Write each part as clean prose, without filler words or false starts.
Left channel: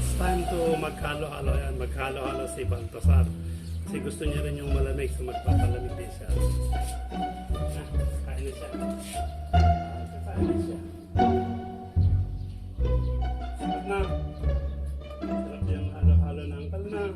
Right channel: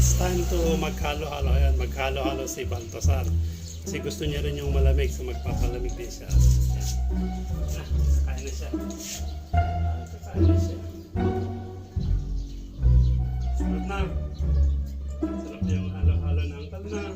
It's time to maghalo-halo. Ayan, maghalo-halo si Baltasar. Kasi gusto niya rin yung malamig, so magpapalamig din siya. Kain na siya. Kain na siya. Sarap na. Sarap yung halo-halo ng kalma.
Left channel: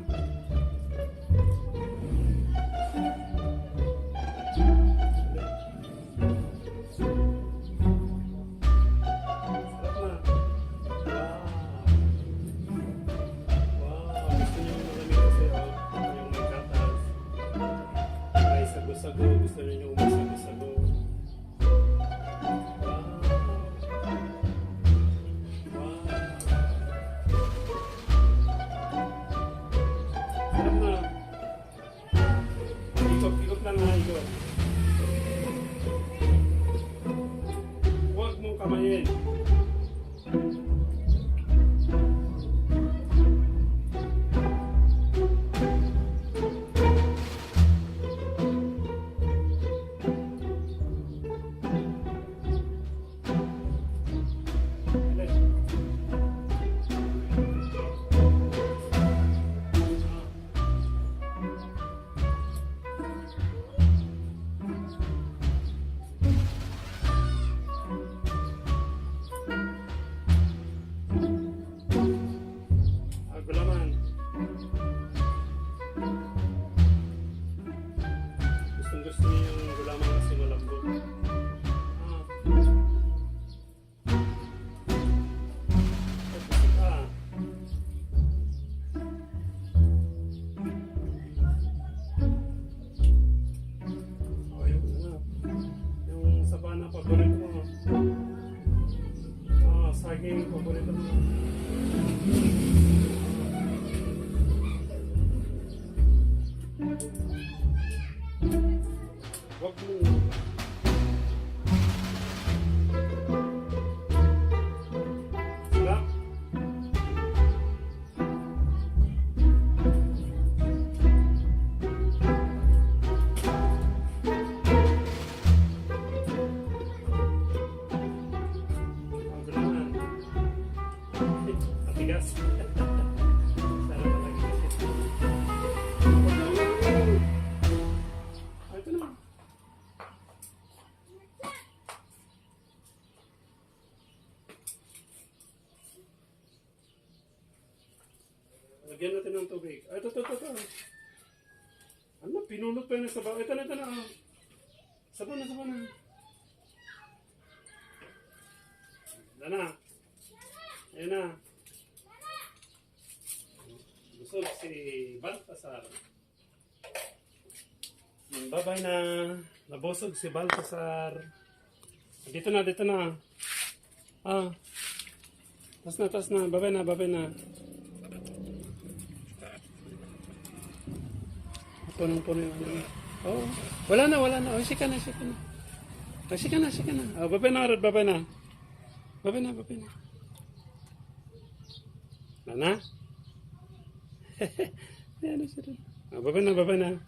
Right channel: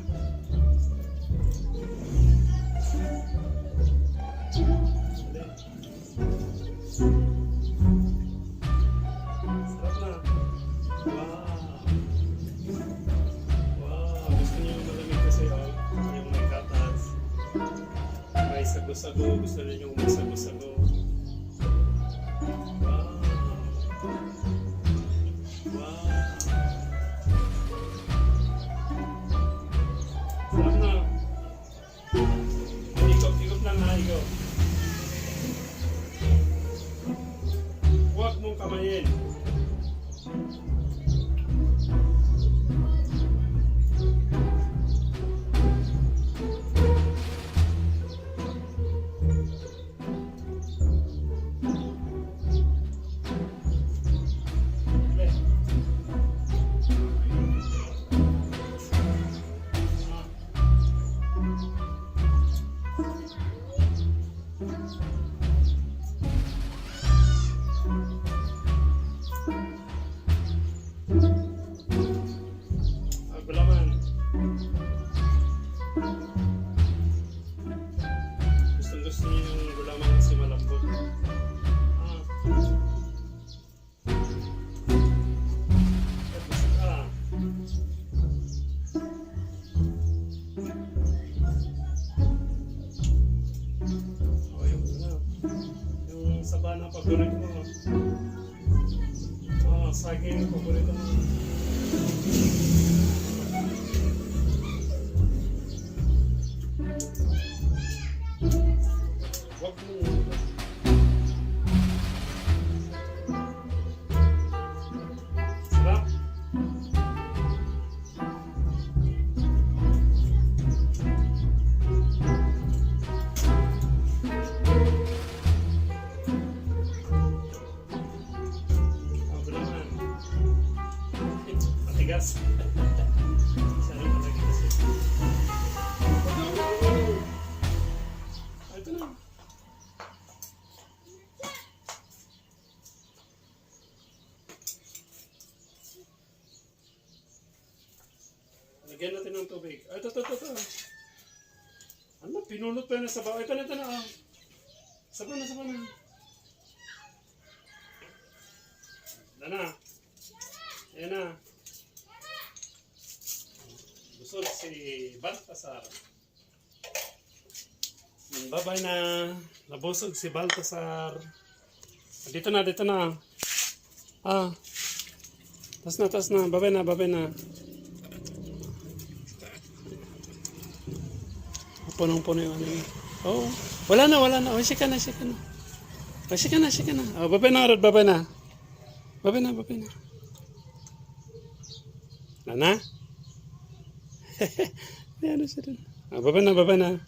Sago, gusto niyo yung sago-sago. Wow. Wow. Sarap na. Ikot-ikot lang ha, ikot. Huwag mong kamayin. Gulaman. Gusto niyo yung gulaman kasi malambot. Busog ka. Yung sabana paborito mo. Saging paborito mo. Wag mo. Sarap. Gulaman. Matigas. Sarap talaga kasi. Ito na. Lagyan natin ng tubig. Ay, ito. Ano, pinulot pa yun sa bawa. Ito na. Sabaw na. Ito na. Ayan na. Busog si Baltasar. Bye-bye na. Nabusog si Baltasar. Dito na. Tas na. Bye-bye na. Punong-puno yung ano. Oh, wala na. Oh, sika na. Oh, bye-bye na, Rod. Bye-bye na. Nana? Ano siya dun? Oh, bye-bye na.